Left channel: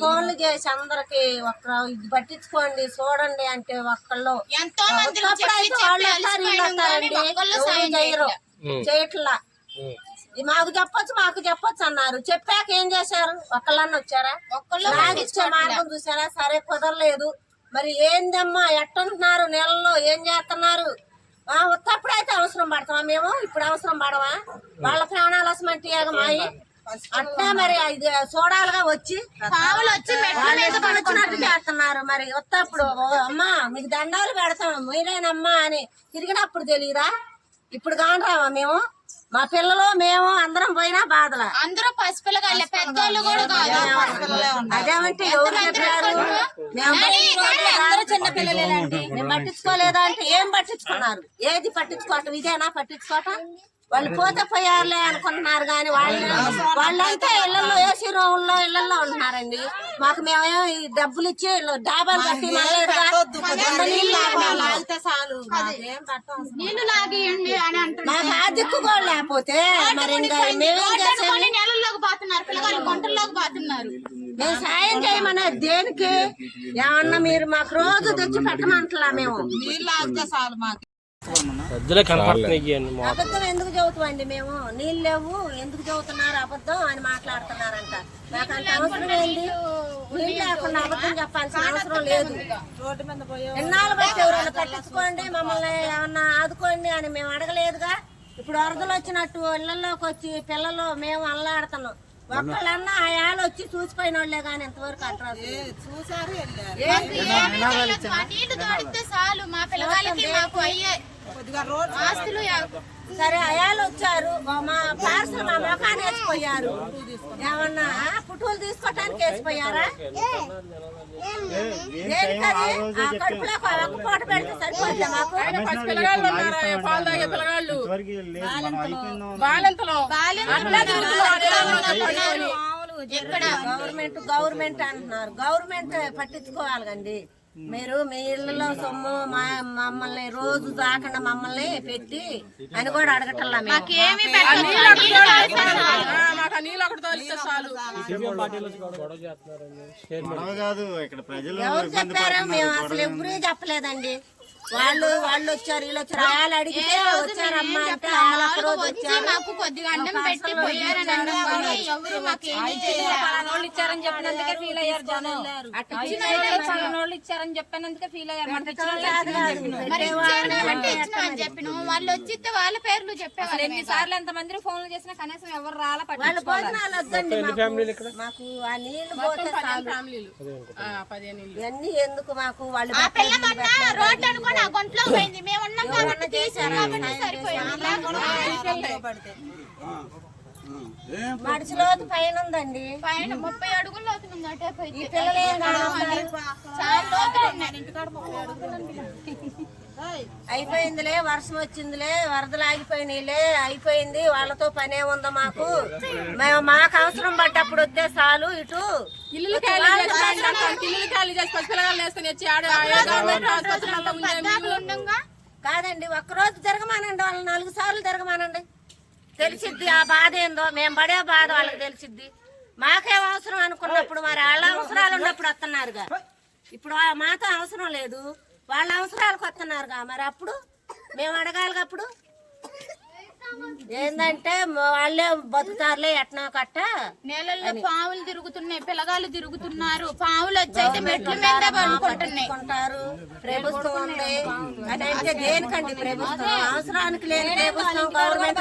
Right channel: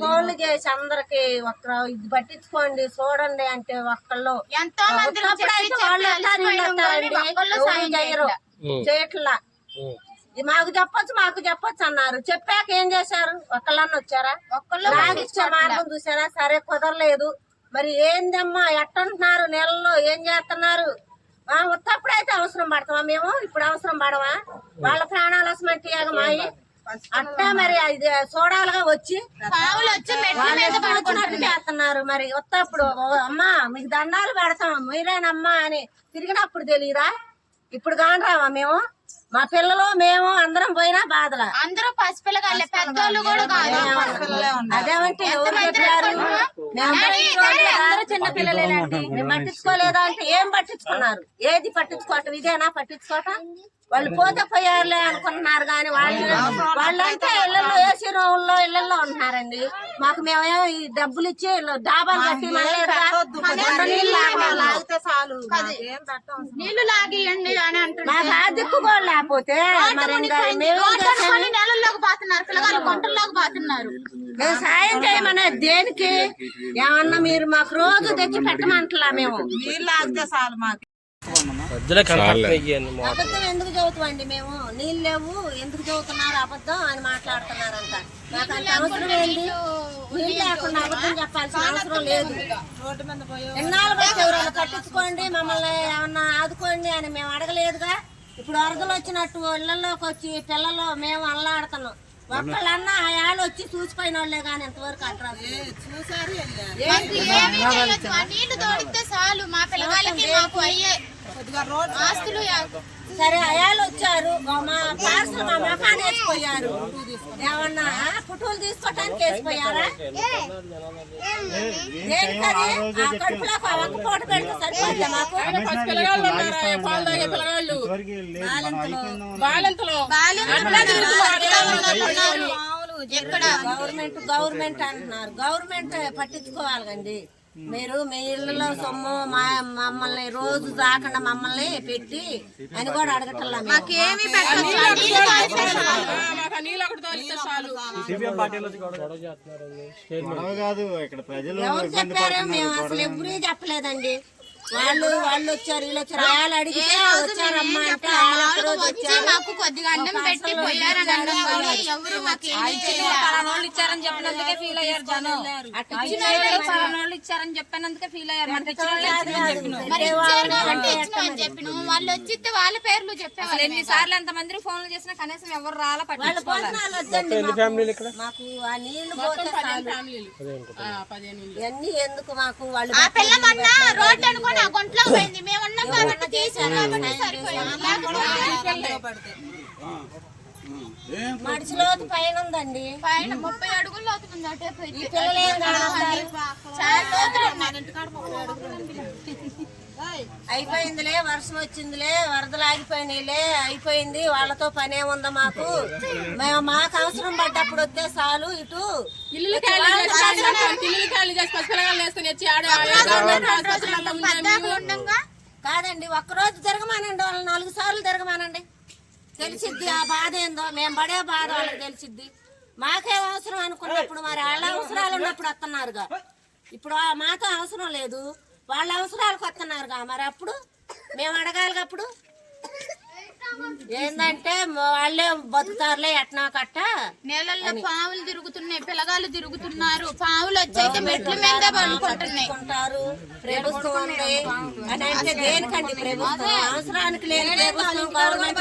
ఫోన్లు చేసి అందరికి ఒక్క ఇది పట్టించుకోండి చూడండి అంటే ఒక్కళ్ళు. ఎంతో చేయరు. చేయట్లా. మాకు చెప్పొచ్చు మాకు చెప్పొచ్చు అన్నారు. చెప్పాక ఏం చేశారు? ఒక్కళ్ళన్న వచ్చారా? ఒక్కళ్ళు మార్గం చూసారా? సరే కుదరలేదు. మరి ఏందమ్మా ఎట్టంటున్నారు నెలలో? ఏం చేస్తున్నారు? ఆ, ఉత్తప్పుడైతే అవసరం పడతామా మేము? ఇప్పుడు అవసరం పడవా? వాళ్ళ ప్రాణాలు అసమంటి మాయి? అట్టా మరి ఇది చూడాలిగా వచ్చి పావులు వచ్చి వచ్చినట్టు చేస్తున్నారు మరి. ఉత్తప్పుడు ఓ అమ్మా మీకు దండాలు పెడతాం మీరేనమ్మా అని తిరిగినప్పుడు తెలియదా ఇప్పుడు కానరావా మేము? మా పిల్లలు మేము అందరం పోయినా బాధలా? అందరూ పసిపిల్లగాళ్ళే పెద్దోళ్ళు కూడా కాదు. అదేమంటే. అందరూ చిన్న పిల్లలేనండి మేము పట్టించుకోలేదా అంటే ఏం పట్టించుకున్నారు? ఏది పట్టించుకోవటం? ఇదేనా పట్టించుకోవటం? వాళ్ళు పోతే పోయారులే అనుకుంటున్నారు కానీ వాళ్ళు వాళ్ళంతా ఇళ్ళలో ఏసీ రూముల్లో ఇళ్ళలో ఉంటున్నారండి. మాకు మేమేమో ఈ డబ్బులు ఇచ్చి డాబాలు కట్టి నీళ్ళు. నీళ్ళు లాగియండి అని అంటున్నారు నాకు ఆ దిక్కు కూడా లేకపోతే మరి మేమేం చేసాము కొన్ని నెలల్లోకి పోతున్నారు. పిల్లగాళ్ళు గుంటల్లోకి పోతున్నారు. మేము సాయం చేయమనే దేనికి? ఏమన్నా మీరు మాకు రోజు తెచ్చి పెట్టమంటలా మేము. అబద్ధం ఎందుకు చదువుతామండి మేము? నీళ్ళు లేవు ఎందుకు చదువుతున్నారు అబద్ధం అని మాట్లాడుతున్నారంట. నాకు అంత అవసరం ఏంది? నీళ్ళు లేకుండా అబద్ధం చెప్పాల్సిన అవసరం లేదు. ఎన్నాళ్ళు బట్టి ఎవరైనా పట్టించుకోండి మమ్మల్ని ఏమన్నా ఆదుకోండి అని మేము అడగలేదుగా. ఇప్పుడు వరదలు వచ్చినట్టు ఇళ్ళలోకి వచ్చి పిల్లలు మేము అల్లాడుతున్నాం. ఒక్కళ్ళన్నా ఆ ఆళ్ళు వచ్చి చూసిపోయిన వాళ్ళే కానీ ఇంతవరకు అంటారు ఏంటి? నీళ్ళు తోడితే చాలు. మా పిల్లగాళ్ళకి మాకు అయ్యే ఆస్తులు సరే అయాలు వచ్చారు. మా పార్సల్ మా మొఖాన్ని వేసిపోయారు ఏమన్నా పుట్టులు తీసుకోవటానికి వేసిపోయారా కడుపులో ఒక ఒక్క పూట పెడితే సరిపోతుందా మాకు? పిల్లగాళ్ళు ఉన్నారు? పాలు తాగే పిల్లగాళ్ళు? బాలెంతలో. ఎక్కడ? గవర్నమెంట్ గవర్నమెంట్ అంటున్నారు. గవర్నమెంట్ పట్టించుకోవాలి కండి మీరు మీ ఇళ్ళలో సొమ్ము మా మమ్మల్ని రోజు దాకుండా మమ్మల్ని పెట్టి అని కూడా అడగటల్లా ఎవరు చెప్పారు? మేము అసలు ఎవరూ చెప్పలేదండి. వాళ్ళు వాళ్ళు వచ్చారు వీళ్ళు వచ్చారు. వాళ్ళు అడిగితే వచ్చారమ్మా అంటే వాళ్ళు రోజు వచ్చారు. మాకు కొద్దిగా అన్నం పెట్టి పోయారని అన్నం కానీ ఎవరు మాకు ఏమీ చేయలే. పలానోళ్ళు ఇచ్చారని చెప్పినందుకే ఫీల్ అయ్యారు జనం. అటు వాళ్ళు పలానోళ్ళు ఇచ్చారని చెప్పినందుకే ఫీల్ అయ్యారు. వాళ్ళు చెప్పినాం. మరి ఇచ్చారు కాబట్టి ఇచ్చినాం అని చెప్పిన వాళ్ళు వచ్చితే వాళ్ళ పేర్లు చెప్పేవాళ్ళు ఎన్ని సార్లు ఎంత మంది ఫోన్లు చేసినా కనీసం ఎవరు రాలా వాళ్ళ పట్టించుకోవాలి? మాకు. ఆ నీళ్ళు పోతే ఇవన్నీ ఎందుకు మాకు వాళ్ళు ఆ పిల్ల మొన్న రోడ్డు అనుకోని ఆ గుంట్లో పోయింది. మేము ఉన్నాం కాబట్టి కాబట్టి సరిపోయింది. లేకపోతే మడిచిలోతు పైన ఉందండి. పైన ముప్పై అడుగులు అవుతుంది అటే పోయి ఈ పిల్లలు ఏం కానొస్తారు? చాలా లోతులు ఉన్నాయి. అయిపోయిందిలే వర్షం వచ్చిందిలే వరదలు ఆగిపోయినాయిలే అయిపోయింది. వాళ్ళతో పనే ఉందా మాకు? మేము మాకు అవసరం పడ్డప్పుడు వస్తే చాలు ఇటు. ఇల్లు కాదండి ఒక్కరోజు తిరగమానండి వాళ్ళు నాలుగు సార్లు తిరగమానండి. తెలిసిద్ది ఆ బాధ ఏందో? మేము పడే బాధ వాళ్ళకి తెలిసిద్ది. మాకేం అవసరం అనుకున్నప్పుడు మరి వాళ్ళ అవసరాలు ఉన్నప్పుడు వస్తున్నారుగా ఇప్పుడు మాతో అవసరం లేదు. వాళ్ళ అవసరాలకు వస్తున్నారుగా మరి అప్పుడు? మేము అడగాలిగా అప్పుడు? ఏందంటే వాళ్ళే బతుకుతారులే ఎట్నా కట్ట నేలల్లో పావులు తిరుగుతున్నాయి పిల్లగాళ్ళు తిరుగుతున్నారు. పావులు వచ్చైతే మెట్ల మీద పడుకుంటున్నాయి. కొంటారు ప్రభుత్వం ఉంది అని అంటే దేనికండి ప్రభుత్వం? అవసరానికి లేని ప్రభుత్వం గవర్నమెంట్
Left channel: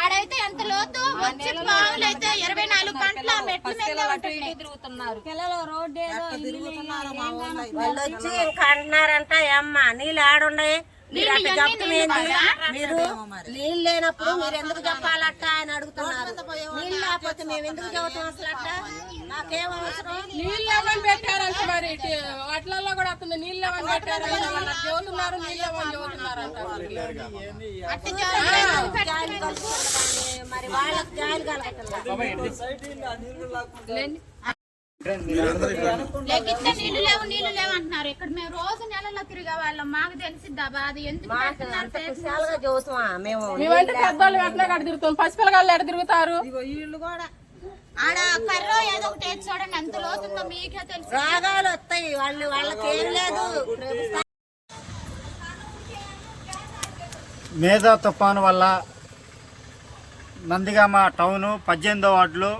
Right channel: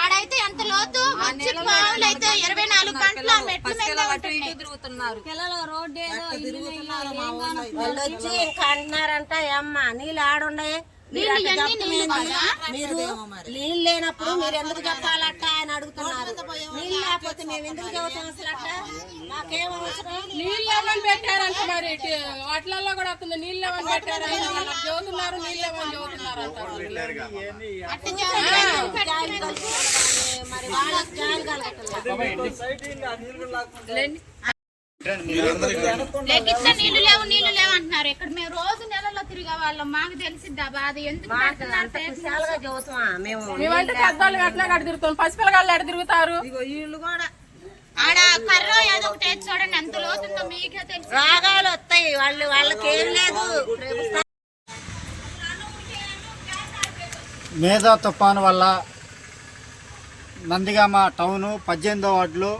ఆడైతే ఎంత లోతు? వచ్చి పావులు అయితే ఇరవై నాలుగు గంటలు మెట్ల మీద తిరుగుతున్నారు. వాళ్ళు వచ్చి ఇంకా అంటున్నారంట అమ్మ నీళ్ళు ఆడుండే మీరు మీరు నీళ్ళు లేనప్పుడు మీరు ఎందుకు చెప్పాలట ఆయన అడుగుతున్నారు. నీళ్ళు లేకపోతే మేము ఎందుకు చెబుతాం అసలు అట్లా నాకేం అవసరం? నీళ్ళు ఎవరు పెట్టారంట మరి. వాటిలలో కూడా వస్తుంది నీళ్ళు ఎవరు వాళ్ళకి చదువుతున్నారు నీళ్ళు ఎవరు కలుగుతుంది మరి వాళ్ళకి జాలి కలగటం లెక్కిస్తే నీళ్ళు లేవు నీళ్ళు లేవు అంటున్నారు. ఇక్కడ మేము రోజు నెలలో తిరిగే వాళ్ళం. మాకు తెలిసిద్దా బాధ ఎందుకు మేమంటే పెద్దవాళ్ళు ఎట్లా కడ తిరుగుతాం పసిపిల్లగాళ్ళు ఎడ తిరుగుతారు? ఏదో ఒకటి చూడండి ఎంత లోతుందో మీకే తెలుసు. రాగాలు వస్తాయి. వాళ్ళు వాళ్ళకి ఏం లేదు. మేధా తుఫాను వల్ల నందిగామ టౌను పద్దెనిమిదో వార్డులో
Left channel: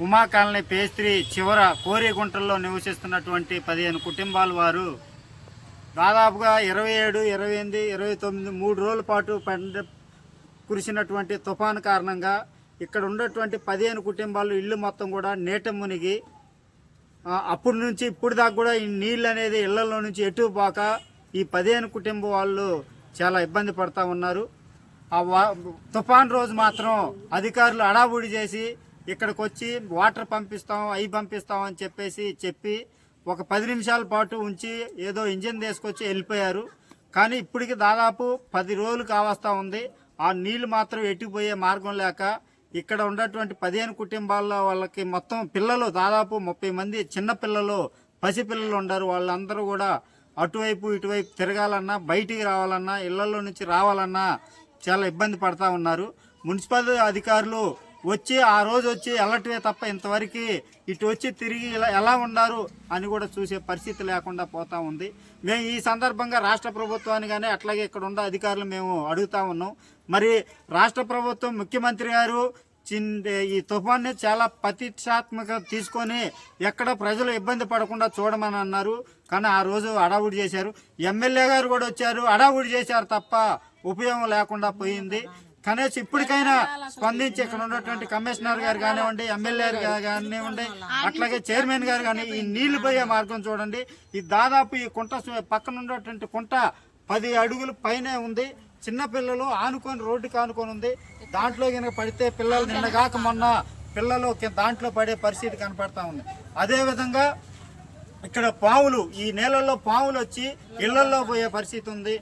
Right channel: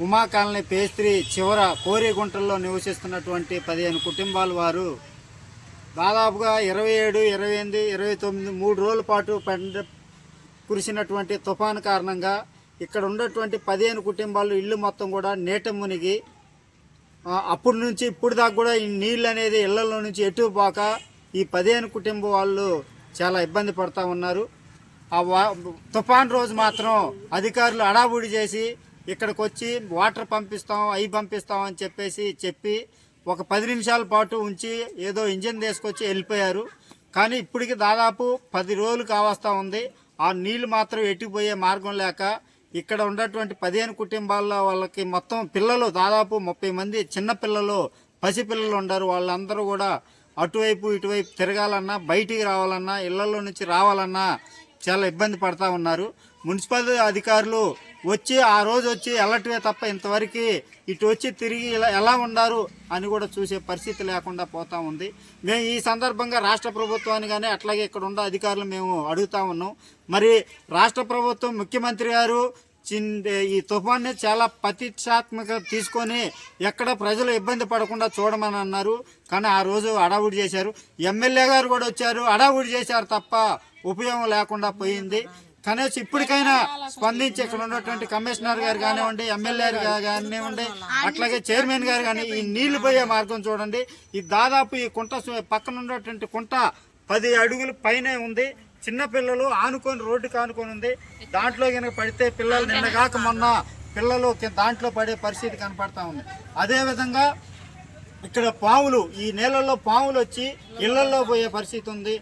ఉమా కాలనీ పేస్త్రి చివర కోరిగుంటల్లో నివసిస్తున్నటువంటి పదిహేను కుటుంబాల వారు దాదాపుగా ఇరవై ఏడు ఇరవై ఎనిమిది ఇరవై తొమ్మిది మూడు రోజుల పాటు పండ కురిసినటువంటి తుఫాను కారణంగా ఇక్కడ ఉన్నటువంటి పదిహేను కుటుంబాలు ఇల్లు మొత్తం కూడా నీట మునిగి అప్పటి నుంచి ఇప్పుడు దాకా కూడా ఈ నీళ్ళు అనేది ఇళ్ళలో నుంచి ఎటు పోక ఈ పదిహేను కుటుంబం వాళ్ళు చాలా ఇబ్బంది పడతా ఉన్నారు. ఆ తుఫాన్ రోజు మాత్రం అధికారులు అడావుడి చేసి ఇక్కడికి వచ్చి వాటర్ పంపిస్తాం అవి పంపిస్తాం అని చెప్పేసి చెప్పి ఒక పది నిమిషాల పాటు ఉంచి ఏదో ఇంజిన్ తీసుకొచ్చి వెళ్ళిపోయారు. కానీ ఇప్పటికి దాదాపు పది రోజులు కావస్తా ఉంది. ఆ నీళ్ళు మాత్రం ఎట్టుకుపోయే మార్గం లేక ఇక్కడ ఉన్నటువంటి పదిహేను కుటుంబాల్లో వాళ్ళకి మొత్తం పిల్లలు దాదాపు ముప్పై మంది చిన్న పిల్లలు పసిపిల్లలు ఉన్నారు వాళ్ళందరూ కూడా అటువైపు ఇటువైపు తిరగాలన్నా బయటికి రావాలన్నా ఇళ్ళలో నుంచి రావాలన్నా చాలా ఇబ్బంది పడతా ఉన్నారు. మున్సిపల్ అధికారులు వచ్చి ఆ రోజు వచ్చి వెళ్ళటమే తప్ప ఇంతవరకు ఇటు వచ్చి తిరిగి ఇలా ఎలా ఉన్నారు అని కూడా చూసే పరిస్థితి లేకుండా పోతా ఉంది. మేము ఈ సందర్భంగా రాష్ట్ర ప్రభుత్వాన్ని కానీ అట్లాగే ఇక్కడ ఉన్న అధికారులు మేము అడుగుతా ఉన్నాం. మరి రాష్ట్ర ప్రభుత్వం ముఖ్యమంత్రి గారు ఈ తుఫాన్ని చాలా ప్రతిష్టాత్మక తీసుకొని ఎక్కడ ప్రజలు ఇబ్బంది పడకుండా చూడమని అన్నారు. కానీ ఆ రోజు అడావుడి చేశారు. ఎమ్మెల్యే గారు కూడా వచ్చారు. అడావుడి చేశారు తప్ప ఉపయోగం లేకుండా పోయింది. కనీసం ఇప్పటికైనా స్పందించి ఇక్కడ ఉన్నటువంటి కమిషనర్ గారు కానివ్వండి ఎమ్మెల్యే గారు కానివ్వండి అట్లాగే చైర్మన్ గారు కానీ ఈ నీళ్ళు పోయే మార్గం చూడండి. ఈ దాదాపు ఈ కుంట పక్కన ఉన్నటువంటి కుంట పది అడుగుల పైనే ఉంది. చిన్నపిల్లలు ఆనుకొని రోడ్డుకి ఆనుకొని ఉంది. దాంట్లో కనుక పడితే పిల్లలు నిన్న కాక మొన్న పిల్లలు దాంట్లో పడే పరిస్థితి కనపడతా ఉంది. అదేవిధంగా ఇక్కడ పాములు ఈ నీళ్ళల్లో పాములు వచ్చి ఇళ్ళలో పోయే పరిస్థితి ఉంది.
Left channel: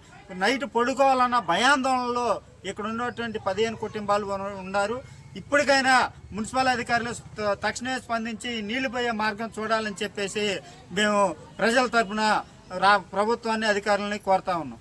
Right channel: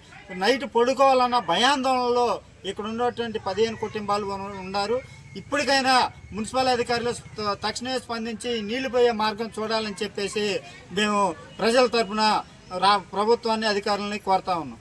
నైట్ పడుకోవాలన్న భయాందోళనలో ఇక్కడ ఉన్నటువంటి పదిహేను కుటుంబాలు ఉన్నారు. ఇప్పటికైనా మున్సిపల్ అధికారులు తక్షణమే స్పందించి నీళ్ళు పోయే మార్గం చూడాలని చెప్పేసి మేము ప్రజల తరఫున రా ప్రభుత్వాన్ని అధికారులని కోరుతా ఉన్నాం.